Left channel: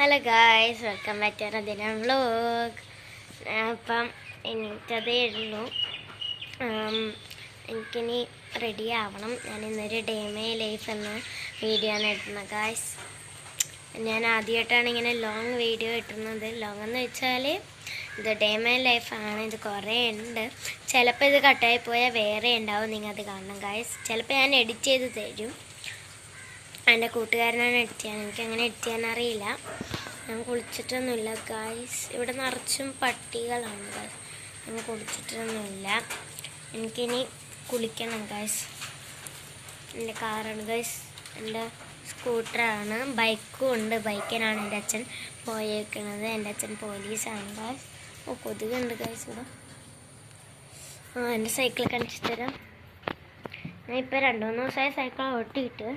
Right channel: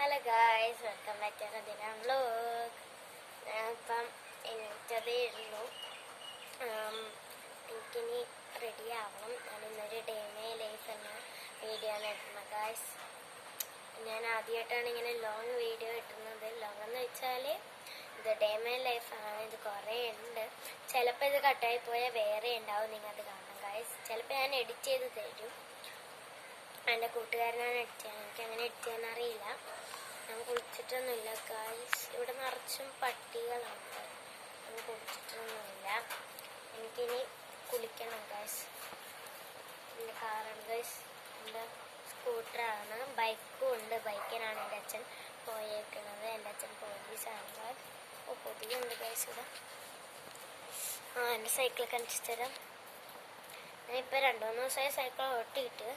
Hello guys, welcome back to Dina vlog. അപ്പം എനിക്കതേ ഉള്ളൂ. എനിക്കിനി റെഡി ആവണം. ഞാൻ ഇന്നൊരു ഡേ മൈ ലൈഫ് എന്ന വീഡിയോ ആണ് ഇടുന്നത് ഗായ്സ്. ഞാൻ ആദ്യമായിട്ടാണ് ഇങ്ങനെ ലോങ് വീഡിയോ ഇട്ടുന്നത്. ലോങ് എന്ന് വെച്ചാൽ ഇത് ഡേ മൈ ലൈഫാണ്. ഇത് കുറേ ഉണ്ട്. ചിലപ്പോൾ ഇത് കട്ടായി പോയാൽ വേറെ ഉണ്ടാവും, നിങ്ങൾ അത് കാണണം ഗായ്സ്. ചിലപ്പോൾ ഞാൻ എഡിറ്റ് ചെയ്ത് തരും. എൻ്റെ കൂട്ടുകാരനാണ് എഡിറ്റ് ചെയ്യാൻ. എനിക്കങ്ങനെ എഡിറ്റ് ചെയ്യാൻ അറിയില്ല. ഞാൻ കുളിച്ചിട്ടൊന്നുമില്ല ഗായ്സ്. ഇവിടെ നിറച്ചും പട്ടികളാണ് ഗായ്സ്. ഞാൻ കുളിച്ചിട്ടൊന്നുമില്ല. എനിക്കിനി കുളിക്കണം ഗായ്സ്. എൻ്റെ കാറാണ് ഗായ്സ്, എൻ്റെ സ്കൂട്ടറാണ്, ബൈക്കും ഉണ്ട്. ബൈക്കിനാണ് എൻ്റെ അച്ഛൻ പോയേക്കണത്. എൻ്റെ അച്ഛൻ പോലീസാണ് ഗായ്സ്. ഓ, കൊതുകുണ്ട് ഗായ്സ് ഇവിടെ. എൻ്റെ സൈക്കിൾ കാണിച്ചു തരാം. ഞാൻ ഇപ്പോൾ 2-3 ദിവസമായി സൈക്കിൾ ഓട്ടിയിട്ട്.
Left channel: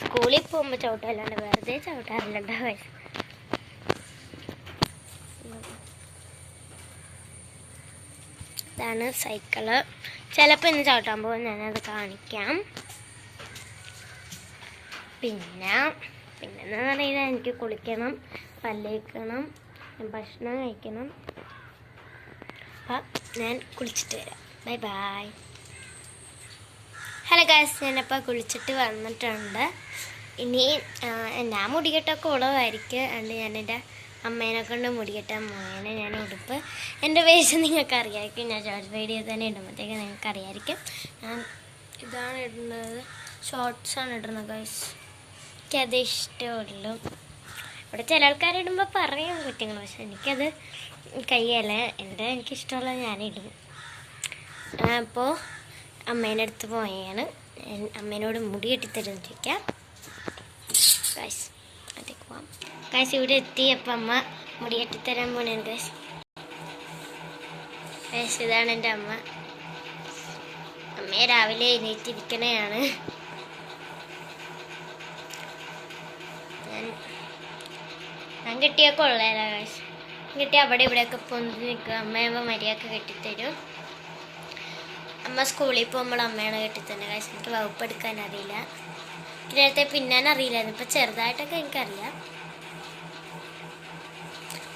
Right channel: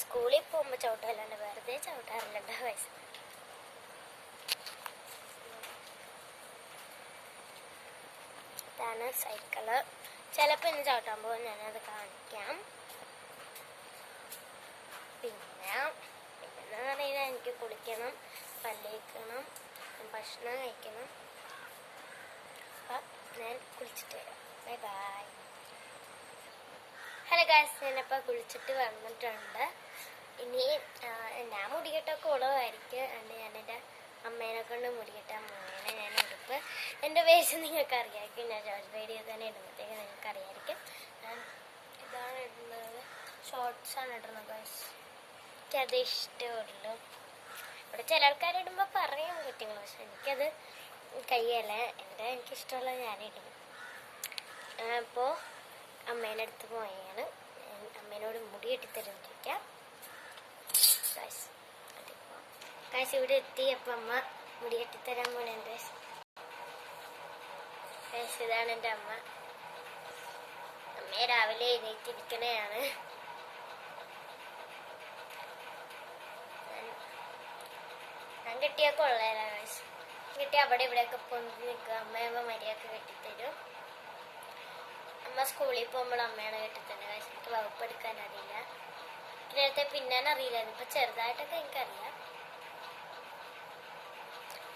സ്കൂളിൽ പോകുമ്പോൾ ചവിട്ടല്ലാണ്ട് വെറുതെ ചവിട്ടാറില്ല ഗായ്സ്. ഇതാണ് സൈക്കിള്. ചിലപ്പോൾ ഇന്ന് ചവിട്ടാൻ പോകും, ഞാനത് കാണിക്കാം. പിന്നെന്ന് പറയുന്നത് എനിക്ക് കുളിക്കണം, പല്ലേക്കണം, ഭക്ഷണം കഴിക്കണം. അപ്പം ഞാൻ കുളിച്ചിട്ട് വരാം. Bye bye. ഹലോ ഗായ്സ്, ഞാനപ്പോൾ കുളിച്ചിട്ട് വന്നിട്ടുണ്ട്. ഇനി ഞാൻ മുടികെട്ടൊക്കെ ഉളവായിരിക്കും. അതുകൊണ്ട് ഞാനെൻ്റെ അമ്മേനെ കൊണ്ട് മുടികെട്ടാൻ പോയേനെ. ഞാൻ ഉടുപ്പ് എൻ്റെ വേഷം നിങ്ങൾക്ക് അറിയാമായിരിക്കും. ഞാൻ ഷോർട്സ് വീഡിയോ തന്നെ ഇടുമ്പോഴത്തേക്ക് നിങ്ങൾക്ക് അറിയാമായിരിക്കും. ഞാൻ ഇതാണ് ഇടുന്നത്, ഷോർട്സാണ് ഇടുന്നത് ഗായ്സ്. എനിക്കത് ഇഷ്ടമുള്ളൂ. ഇവിടെ ചില ആൾക്കാരിടുമ്പോൾ പറയും കുറ്റങ്ങൾ, പക്ഷെ എനിക്കത് കഴിയല്ല. എനിക്കിഷ്ടമുള്ളത് ഞാനിടും. അപ്പോൾ അമ്മേൻ്റെ അടുത്ത് പോയാണ്. അമ്മേനോട് മുടി കെട്ടിത്തരുമെന്ന് ചോദിക്കാം ഗായ്സ്. അതേക്ക് പോവാം ഗായ്സ്. ഇവിടെ എത്തി. അപ്പം അമ്മ മുടി കെട്ടിത്തരാൻ പോണേണ് ഗായ്സ്. ഗായ്സ്, ഇതാണ് എൻ്റെ അമ്മ. അമ്മയെ രാവിലെ എണീറ്റിരിക്കണയാണ്. ഞാൻ കെട്ടിയൊക്കെ ഉള്ളതല്ല ഗായ്സ്. കെട്ടി അവിടെ ഇവിടെയൊക്കെ പൊന്തി നിൽക്കുക. അമ്മയമ്മ മരിയൊക്കെ കെട്ടിത്തരും. അമ്മ സ്കൂളിൽ പോകുമ്പോൾ അമ്മയാണ് കെട്ടിത്തന്നെ ഗായ്സ്. എനിക്ക് വകുപ്പ് എടുക്കാൻ അറിയില്ല. എനിക്ക് നേരത്തെ പിന്നാൻ അറിയില്ലായിരുന്നു. ഇപ്പം ചെറുതായിട്ടൊക്കെ എനിക്കറിയാം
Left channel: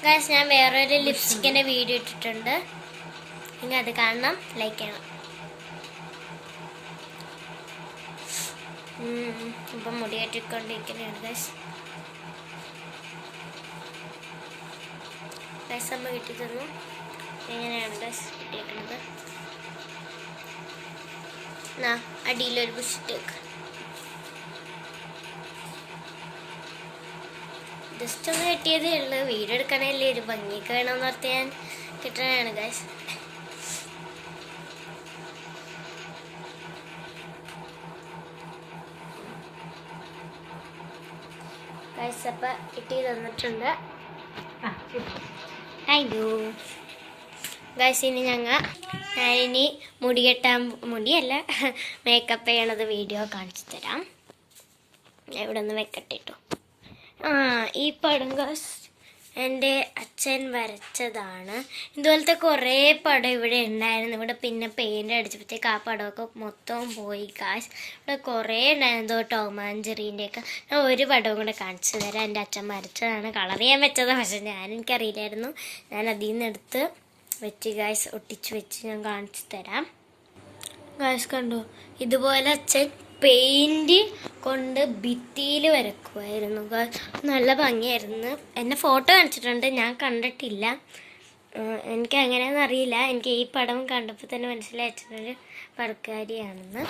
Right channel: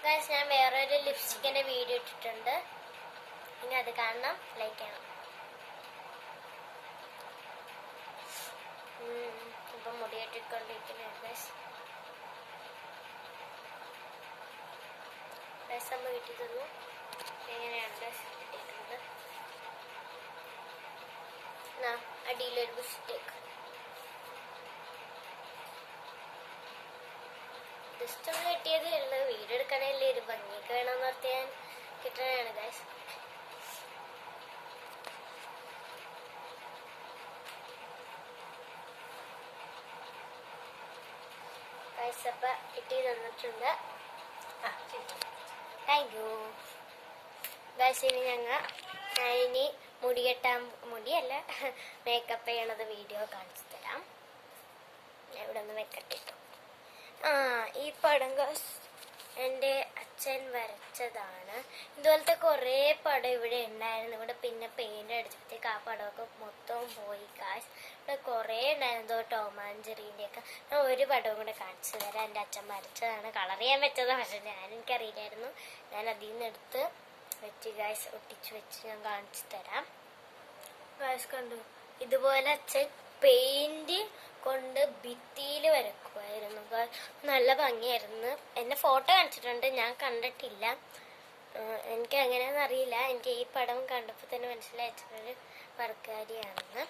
ഗായ്സ്. ഞാൻ വേറൊരു ലിപ്സ്റ്റിക്കിൻ്റെ വീഡിയോ ഇട്ടിട്ടുണ്ട്, നിങ്ങൾ അത് കാണണം, ലൈക്ക് ചെയ്യണം. ഇപ്പം മുടി കെട്ടിക്കൊണ്ടിരിക്കുന്നതാണ് ഗായ്സ്. ഗായ്സ്, അമ്മ കിട്ടി തന്നു. എങ്ങനെയാണ് ഗായ്സ് കിട്ടിയേക്കുന്നത്? അടിയിലൊരു ബുഷിട്ടേക്ക്. ജസ്റ്റ് ഒന്ന് കെട്ടിയതേ ഉള്ളൂ. വീഡിയോ എടുക്കണല്ലേ, ഒരു ഭംഗിയൊക്കെ വേണമെന്ന് ഓർത്ത് ഞാൻ കിട്ടണതാണ് ഗായ്സ്. ഗായ്സ്, അപ്പം ഇട്ടി തന്നിട്ടുണ്ട്. Thank you guys. ഇനി ഞാനിനി മുടിയല്ല മേക്കപ്പ് ചെയ്യണത് വീഡിയോ കാണിച്ചു തരാം. ഇവിടെ ഒന്ന് വെക്കട്ടെ കേട്ടോ. ഈ പടം ഗായ്സ് എൻ്റെ അച്ഛൻ വരച്ചതാണ്. ഇതുപോലത്തെ കുറേ പടം ഇവിടെ ഉണ്ടായിരുന്നു. ഇവിടെ പിന്നെ പെയിൻ്റ് അടിച്ചപ്പോഴത്തേക്ക് ആ പടമൊക്കെ മൊത്തവും പോയി ഗായ്സ്. ഇവിടെ കുറേ ഉണ്ടായിരുന്നു, ടോം ആൻഡ് ജെറിൻ്റെയൊക്കെ. ഞാൻ ഒരു പടവും കൂടെ കാണിച്ചു തരാം. എൻ്റെ അച്ഛൻ വരച്ചതാണ്, കളർ ചെയ്യാൻ വെച്ചതാണ്. പക്ഷെ എനിക്കറിയില്ലായിരുന്നു. ഞാൻ അതിൽ നിന്ന് എടുത്ത് വെച്ച് ഗായ്സ്, ഒട്ടിച്ച് വെച്ച് ഞാൻ കാണിച്ചു തരാം ഗായ്സ്. കണ്ടു, ഇതുപോലെ അച്ഛൻ പെയിൻറ് കൊണ്ട് ഭിത്തിയിൽ വരക്കുമായിരുന്നു. നല്ല ഭംഗിയായിരുന്നു. എന്നെ ഫോട്ടോ കാണിച്ചിട്ടുണ്ട്, ഞാൻ കണ്ടിട്ടില്ല. എനിക്ക് എങ്ങനെയാണെന്ന് അറിയില്ല. എനിക്ക് ഈ പടം കണ്ടപ്പോൾ തന്നെ മനസ്സിലായിട്ടൊരു പടക്കാരിയാണെന്ന്.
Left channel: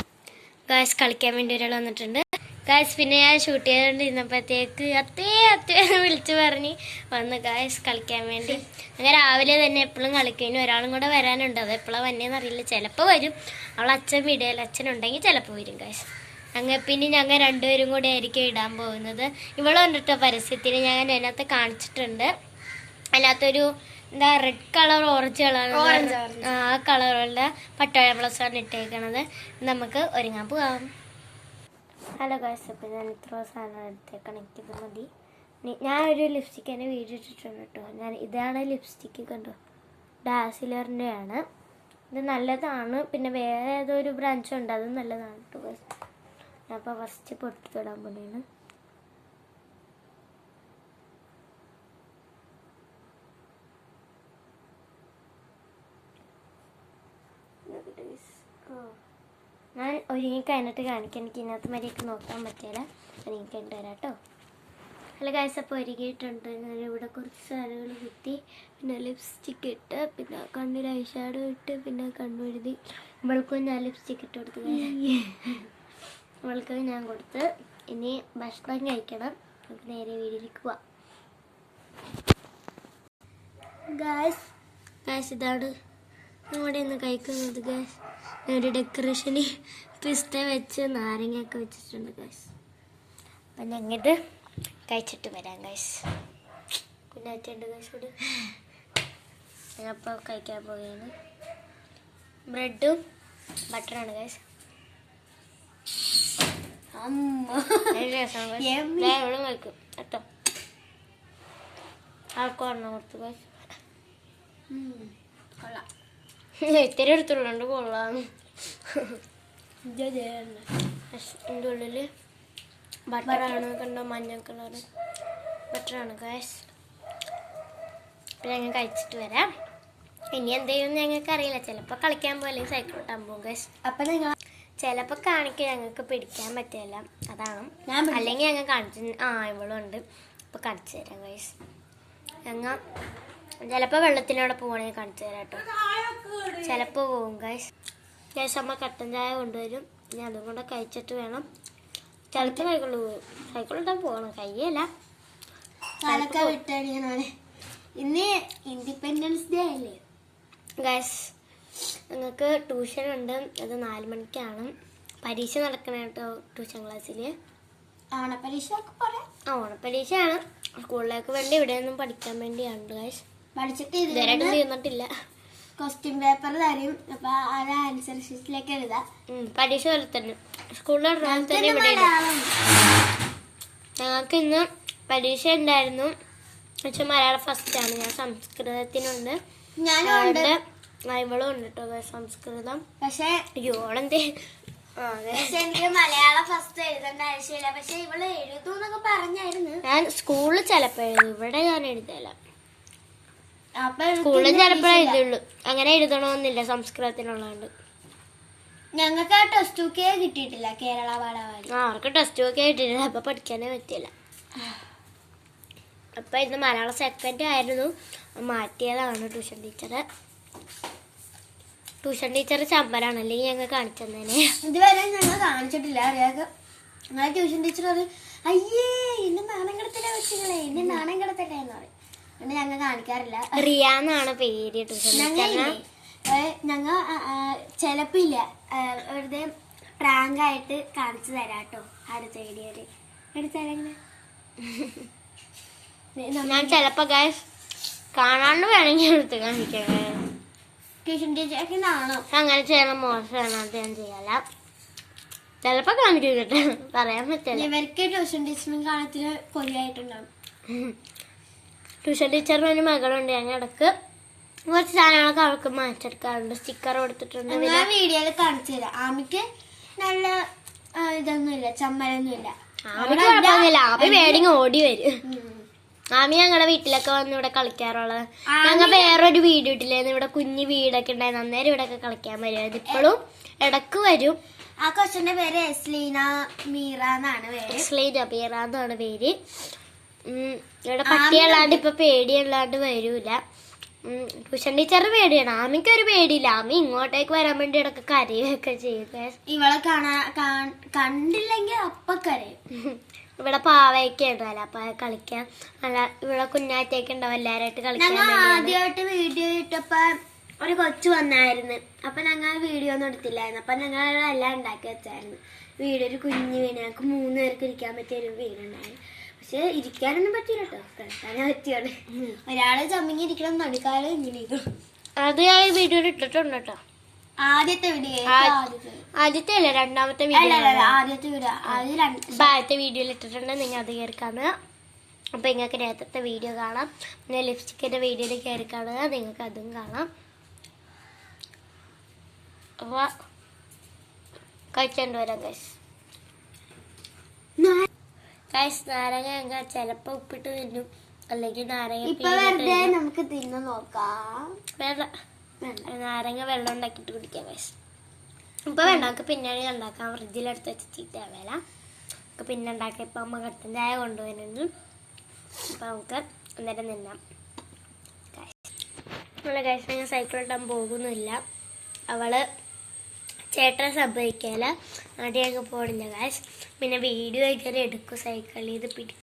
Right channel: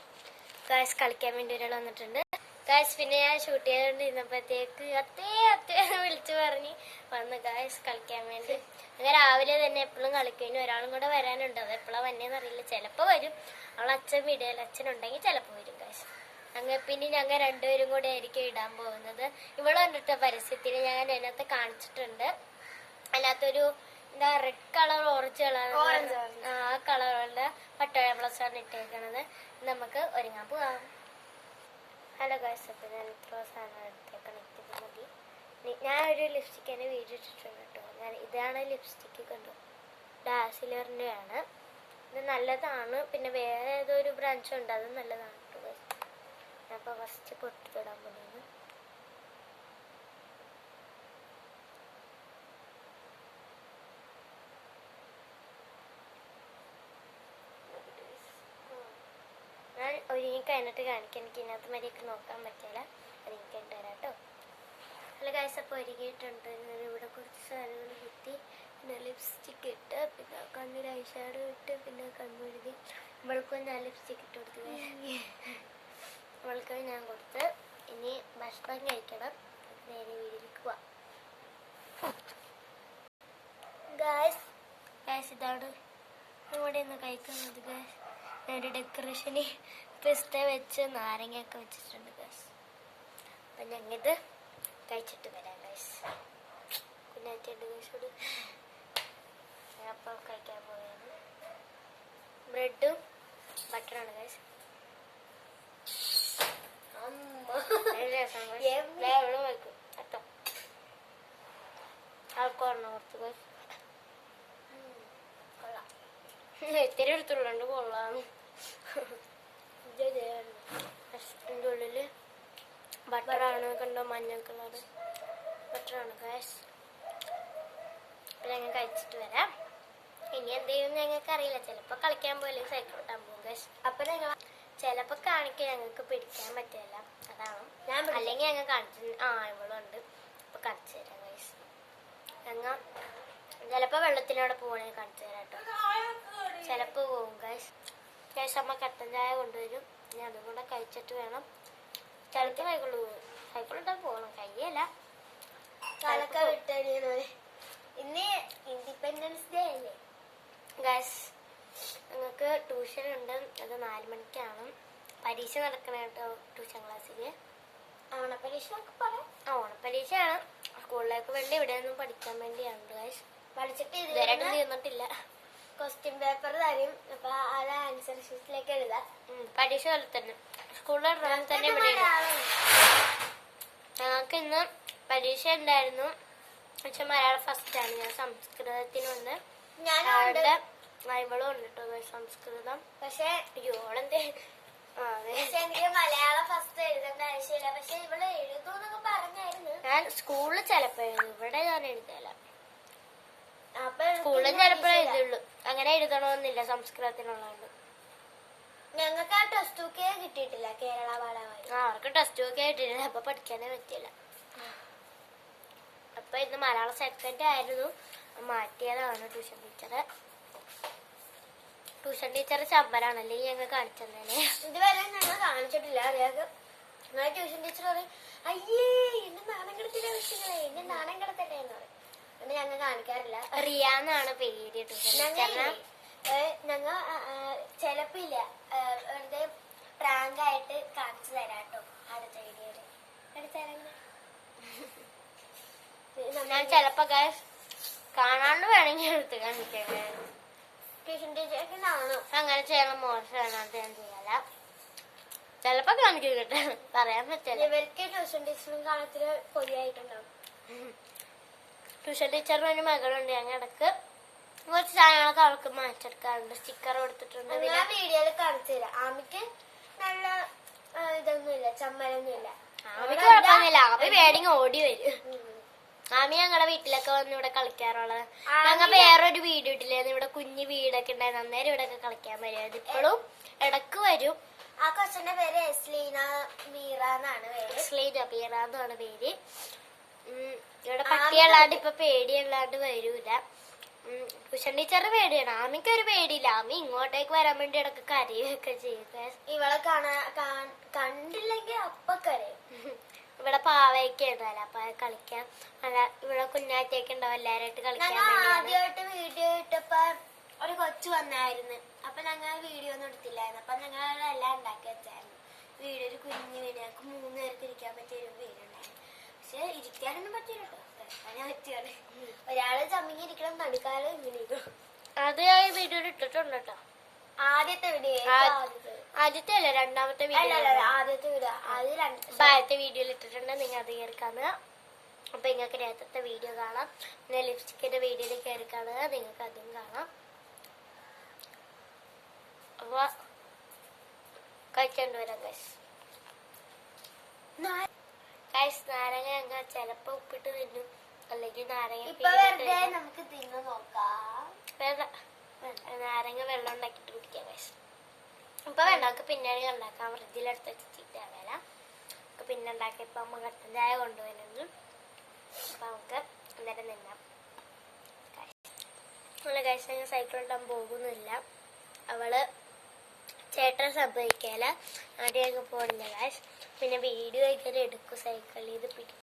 ഗായ്സ്, കളിക്കാൻ വേണ്ടി ഒരാൾ വന്നിട്ടുണ്ട് ഗായ്സ്. പിന്നെ ഞാൻ ഷൂട്ട് ചെയ്തുകൊണ്ടിരുന്നപ്പോഴത്തേക്ക് അത്തേ വിളിച്ച് പറഞ്ഞ് വന്നു ഗായ്സ് കളിക്കാൻ വേണ്ടി. അങ്ങനെ രാവിലെ തന്നെ എപ്പോഴും കളിക്കും. ഒരാളും കൂടെ വരാനുണ്ട്, അത് എപ്പോഴാണ് വന്നേന്ന് അറിയില്ല. ചിലപ്പോൾ വരും. അവൾ അച്ഛൻ വീഡിയോയിൽ അച്ഛനുണ്ടെങ്കിൽ ചിലപ്പോൾ വരും ഗായ്സ്. പിന്നെ ഞങ്ങൾ രണ്ടുപേരും കൂടെ ആയിരിക്കും ഇടാൻ പോകുന്നത്. ഇവിടെ വന്നിട്ട് പരസ്യത്തിന് ഞാൻ അതിനകത്ത് കാണിച്ചിട്ടുണ്ട്. അതിനകത്തൊരു റെഡ് കളർ ഓറഞ്ച് കളർ ആ കളറുള്ള പട്ടോഴ ബ്ലൗസാണ് ഇട്ടേക്കണത്. നമുക്ക് ഒരുങ്ങാൻ പോകാം. ഹലോ ഗായ്സ്, അപ്പം ഞാൻ ഇത്ര സാധനം എടുത്തേക്കണം. എനിക്കിത് മതി. ഞാനൊരു ലിപ്സ്റ്റിക്ക് എൻ്റെ വീഡിയോ ഇട്ടിട്ടുണ്ട് കേട്ടോ. ഇതാണ് ലിപ്സ്റ്റിക്ക്, കണ്ടോ, ഡാസിലറിൻ്റെ ആണ്. ഇത് നല്ലതാണ്. പിന്നെ വേറെ ഏതോ ഒരു ബ്രാൻച്ചുണ്ട്, അത് നല്ലതാണ് കേട്ടോ ഗായ്സ്. ഞാൻ അപ്പോൾ ഫസ്റ്റ് പൊട്ടി തൊടാൻ പോകുന്നു. ഞാൻ ഒരുങ്ങി കഴിഞ്ഞിട്ട് കാണിക്കാം. എനിക്ക് ഇതിനകത്ത് മര്യാദക്ക് നോക്കാൻ പറ്റില്ല. ഒരുങ്ങി കഴിഞ്ഞിട്ട് വരാം കേട്ടോ. അല്ല ഗൈസ്, അപ്പോൾ ഒരുങ്ങിയിട്ടുണ്ട്. ഇവിടെ കുറച്ച് സാധനങ്ങൾ കുത്തി, പിന്നെ ലിപ്സ്റ്റിക്ക് ഇട്ട്, പിന്നെ കണ്ണിൽ ഐ ഷാഡോ ഇട്ട്, പിന്നെ കണ്ണെഴുതി. ഇവൾക്കും ഞാൻ ലിപ്സ്റ്റിക്ക് ഇട്ട് കൊടുത്തു. ഇവൾക്ക് ഞാൻ കൊടുത്ത്. ഇനി ഭക്ഷണം കഴിക്കണം. നമുക്ക് നേരെ വീട്ടിലേക്ക് പോവാം. ഗൈസ് ഇതാണ് നമ്മുടെ ഇന്ന് കഴിക്കുന്നത്. ഗൈസ് ഒരു ഡെക്കറേഷന് പിസ്ത വെച്ച് നാരങ്ങയൊക്കെ വെച്ചിട്ടുണ്ട് ഗൈസ്. അപ്പം ഞങ്ങിത് കഴിച്ചിട്ട് വരാം ഗൈസ്. കുഞ്ഞാറ്റുണ്ട് ഗൈസോട്. ഞങ്ങപ്പോൾ കഴിക്കാൻ പോവുകയാണ്. ബ്രെഡും ബട്ടറാണ് ഗൈസ്. എവളും കഴിക്കും കേട്ടോ. ആൾക്കാരണോ കുറച്ച് ഗൈസ്. കൊള്ളാം. ഇത്തിരി എടുത്തുള്ളതുകൊണ്ട് കൊള്ളാം. ഇതിൻ്റെ ഉള്ളിൽ ബട്ടറാണ് കണ്ടോ, മഞ്ഞ കളർ ബട്ടറാണ് ഗൈസ്. അപ്പം ഞങ്ങൾ കഴിച്ചിട്ട് വരാം. ഇനി എന്ത് ചെയ്യുമെന്ന് ഞങ്ങൾക്ക് അറിയില്ല. ചിലപ്പോൾ കളിക്കാൻ പോലെ സൈക്കിൾ ഓട്ടാൻ പോകും ഗൈസ്. അപ്പം നിങ്ങൾ ചിലപ്പോൾ കാണിക്കുക ഞങ്ങൾക്ക് പിടിക്കാൻ പറ്റില്ല, അതാണ്. അല്ലെങ്കിൽ ഞങ്ങൾ കാണിച്ചു. ഇവളും ഉണ്ട്. അപ്പോൾ കാണിച്ചു തരാം ഗൈസ്. ഞങ്ങൾ ചിലപ്പോൾ വെള്ളത്തിനോടെ പോകണമെങ്കിൽ കാണിച്ചു തരാം കേട്ടോ. ചിലപ്പോൾ പോകും ഗൈസ്. അമ്മ കട്ടൻ ചായ കൊണ്ടുവരും. ഇനി അതും കൂടെ കഴിച്ചിട്ട് വേണം. ചിലപ്പോൾ സൈക്കിൾ ഇട്ടാൻ പോകണം. കയ്യല്ല ഇന്ന് ഇൻഡിപെൻഡൻസ് ഡേ അല്ലേ ഗൈസ്. ഞങ്ങൾക്ക് ട്യൂഷൻ ഉണ്ട്. അത് 4 മണിക്കാണ്. പരീക്ഷ നടക്കണ കേട്ടോ ട്യൂഷൻ ക്ലാസ്സിൽ. ഓണപ്പരീക്ഷയാണ്. സ്കൂളിലേക്ക് വേണ്ടി ഇവിടെയൊന്നും പഠിക്കാൻ വേണ്ടിയാണ് ഗൈസ്. ഇതുവരെ തീർന്നിട്ടില്ല. ക്വസ്റ്റ്യൻ പേപ്പർ തരും. അപ്പൊ അത് ആൻസർ ഷീറ്റിലേക്ക് എഴുതാം. പരീക്ഷ പോലെ തന്നെ സ്കൂളിൽ തന്നെ ഇവിടെ. ഞങ്ങൾക്ക് ഇന്ന് പരീക്ഷ ഉണ്ടായിരുന്നു. പക്ഷെ മലയാളം ഫസ്റ്റാണ്. ഞാൻ സംസ്കൃതത്തിനുണ്ട്. ഇവളും ഉണ്ട് കേട്ടോ സംസ്കൃതം. പക്ഷെ ഇവളെന്തേ എനിക്ക് മലയാളം ഫസ്റ്റ് എഴുതേണ്ട ആവശ്യമില്ല. പക്ഷെ ഇവള് എഴുതൂന്നൊക്കെ പറഞ്ഞായിരുന്നു. ഞാൻ സ്കൂളിൽ ചിലപ്പോ എഴുതും. ഇവിടെ ഞാൻ എഴുതല. സ്കൂളിൽ ചിലപ്പോ എഴുതുള്ളൂ. അങ്ങനെ എഴുതണമെന്നില്ല സംസ്കൃതത്തിനുള്ളതുകൊണ്ട്. ഞങ്ങൾക്ക് ആ ടെസ്റ്റ് ബുക്കേ കിട്ടിയിട്ടില്ല. കേരള പാഠാവലി അവർക്ക് ടെസ്റ്റ് ബുക്കേ കിട്ടിയിട്ടില്ല. അപ്പൊ പഠിക്കാനേ പറ്റില്ല. അപ്പൊ ഇന്ന് മലയാളം സെക്കൻഡ് ആയിരുന്നു. മാറ്റിയതാണ് ട്യൂഷൻ ടീച്ചറ്. ട്യൂഷൻ ടീച്ചർ ചമ്പരാണ്. അല്ലെങ്കിൽ ഞങ്ങൾ കാണിച്ചു തന്നെ. ഇതുവരെ ഞങ്ങൾ കാണിച്ചിട്ടില്ല. അറിയാതെ ഞങ്ങളെ ട്യൂഷൻ ടീച്ചർ പറയും, അയ്യേ എന്നെ നാണം കിടത്തില്ല വെച്ചിങ്ങളെ, എന്നെ നാണം കിടത്തട്ടെ എന്ന് പറയും. പിന്നെ ഞങ്ങൾ കാണിക്കാറില്ല. റിയാന്നാണ് പേര് ട്യൂഷൻ ടീച്ചറിന്. ഞങ്ങൾ ചിലപ്പോ ഇല്ല വെറുതെ പ്രാങ്ക് ആയിട്ട് കാണിച്ചു തരാട്ടോ അടുത്ത വീഡിയോയില്. ഞാൻ ചിലപ്പോ ഗൈസ് കാണാണ്ട് വേണമെങ്കിൽ എടുത്ത് കാണിക്കാം. ട്യൂഷൻ ടീച്ചർക്ക് നാണോ അങ്ങനെ ചെയ്യണം, മോശമാണ്. അത് ഞാൻ ചെയ്യാല. ചിലപ്പോ കാണിക്കും കേട്ടോ, പറയാൻ പറ്റില്ല. ഇവർക്ക് ട്യൂഷൻ ടീച്ചറിനും കാണത്തിന് കൊതിയായിട്ടുണ്ടാവും. ട്യൂഷൻ ടീച്ചറിന് ഒരു മകളുണ്ട്. ഞങ്ങൾ ഇടക്ക് കുറച്ച് സാധനങ്ങളൊക്കെ അവൾക്ക് മാറ്റിയെടുക്കാറുണ്ട്. സ്റ്റിക്കർ കൊടുത്തിട്ടുണ്ട്. ഞാൻ വീഡിയോയിൽ കാണിച്ചു തരാം. ആമിക്ക് നല്ല ഇതൊന്നുമില്ല, ചമ്മലൊന്നുമില്ല. ആമിക്ക് കുഴപ്പമൊന്നുമില്ല. ആമി വേണമെങ്കിൽ ഓടി വരും. ആമി ഞങ്ങളുടെ വീട്ടിലൊക്കെ വന്ന് ഇവിടെ കളിക്കാറുള്ളത്. ഞങ്ങൾ വേറൊരു വീട് ഇട്ടില്ലായിരുന്നു. ഇവിടെ കുഞ്ഞു വീടൊക്കെ ഉണ്ടായിരുന്നു. അന്നേരം ഇവിടെ ഒക്കെ കളിക്കാൻ വരുമായിരുന്നു. ഇപ്പോഴും ഇടക്ക് വരും. ആ കൊച്ചിന്റെ പേര് എസ്ലീന മീറ എന്നാണ് പേര്. എസ്ലീന മീറ എന്നാണ് പേര്. ഇവിടെ പട്ടിയല്ലാണ്ട് ഇപ്പൊ പേടിയല്ലാണ്ട് വരൂല. ട്യൂഷൻ ടീച്ചറിന് പേടിയാണ്. ആമിക്കൊരു പേടിയില്ല. ആമി ഇങ്ങോട്ടേക്ക് വരാൻ വേണ്ടി ഇടക്ക് കരയൊക്കെ ചെയ്യുക. ഇവളെ കണ്ടില്ലെങ്കിൽ അപ്പൊ കരയും. ഇവിടെ പാവയൊക്കെ ഉണ്ടല്ലോ, അപ്പൊ കളിക്കാൻ അല്ല ഇവിടെ കുഞ്ഞാറ്റയൊക്കെ ഉണ്ടാവും എല്ലാരായിട്ട് കളിക്കാൻ. ആദ്യമായിട്ട് വീഡിയോ ഇട്ടപ്പോ ഒരു കൊച്ചു വന്നായിരുന്നു. അപ്പൊ ഞങ്ങൾ വീഡിയോ ഒന്നും എടുത്തില്ലായിരുന്നു. അപ്പൊ ഞങ്ങൾ എല്ലാം ഉണ്ടാക്കി വെച്ചായിരുന്നു. ഒരു കുഞ്ഞു വീട്. ഞങ്ങൾക്ക് 3 പേർക്ക് ഇരിക്കാൻ പറ്റിയ ഒരു വീടുണ്ടായിരുന്നു. പക്ഷെ ഇരിക്കാനൊന്നും പറ്റില്ല കേട്ടോ, കളിക്കാനേ പറ്റിയാണ്. ഒരാള് ചമ്മിങ്ങി ഇരിക്കണം, നടുക്കാലം ഇങ്ങനെ ഇരിക്കും. അത് ഞാൻ വീഡിയോ ഇട്ടിട്ടുണ്ട് കേട്ടോ. ആദ്യത്തെ വീഡിയോ ആദ്യത്തെ അല്ല, രണ്ടാമത്തെ വീഡിയോ. ആദ്യത്തെ വീഡിയോയിൽ ഇട്ടിട്ടുണ്ട്. നിങ്ങൾ അത് കയറി കാണുക. അപ്പൊ നിങ്ങൾക്ക് നേരത്തെ വീഡിയോ കാണാം. പിന്നെ ലിപ്സ്റ്റിക്കിന്റെ വീഡിയോയിൽ കയറി കാണുക. നിങ്ങൾക്ക് അതും കാണാം. അപ്പൊ കഴിച്ചോണ്ട് വരാം ഗൈസ്. നാരങ്ങ ഞങ്ങൾ ചിലപ്പോ ഉപ്പിട്ട് തിന്നും, അല്ലെങ്കിൽ നാരങ്ങ നമുക്ക് തിന്നു നോക്കാം. നാരങ്ങ വെള്ളം ഉണ്ടാക്കിട്ട് കുടിക്കാം ഗൈസ്. ഇപ്പം വേണ്ട നമുക്ക് പിന്നീട് ഉണ്ടാക്കാം. ഫ്രിഡ്ജിലെടുത്ത് വെച്ച് ചീത്തയാവേല. നമുക്ക് പിന്നെ ഉണ്ടാക്കാം. ഇപ്പം അമ്മ കട്ടൻ ചായ കൊണ്ടുവരുന്നുണ്ട്. അപ്പം നമുക്ക് അന്നേരം നിന്നാം. നമ്മളെ കഴിച്ച് ഞാൻ സൈക്കിൾ ഇട്ടാൻ പോകുന്നില്ല. അവള് ചേട്ടനെ സമ്മതിക്കല. ആദ്യമൊക്കെ പോണില്ല ഗൈസ്. പിന്നെ വീഡിയോ ഒക്കെ എടുക്കും സൈക്കിളിൽ ഇത്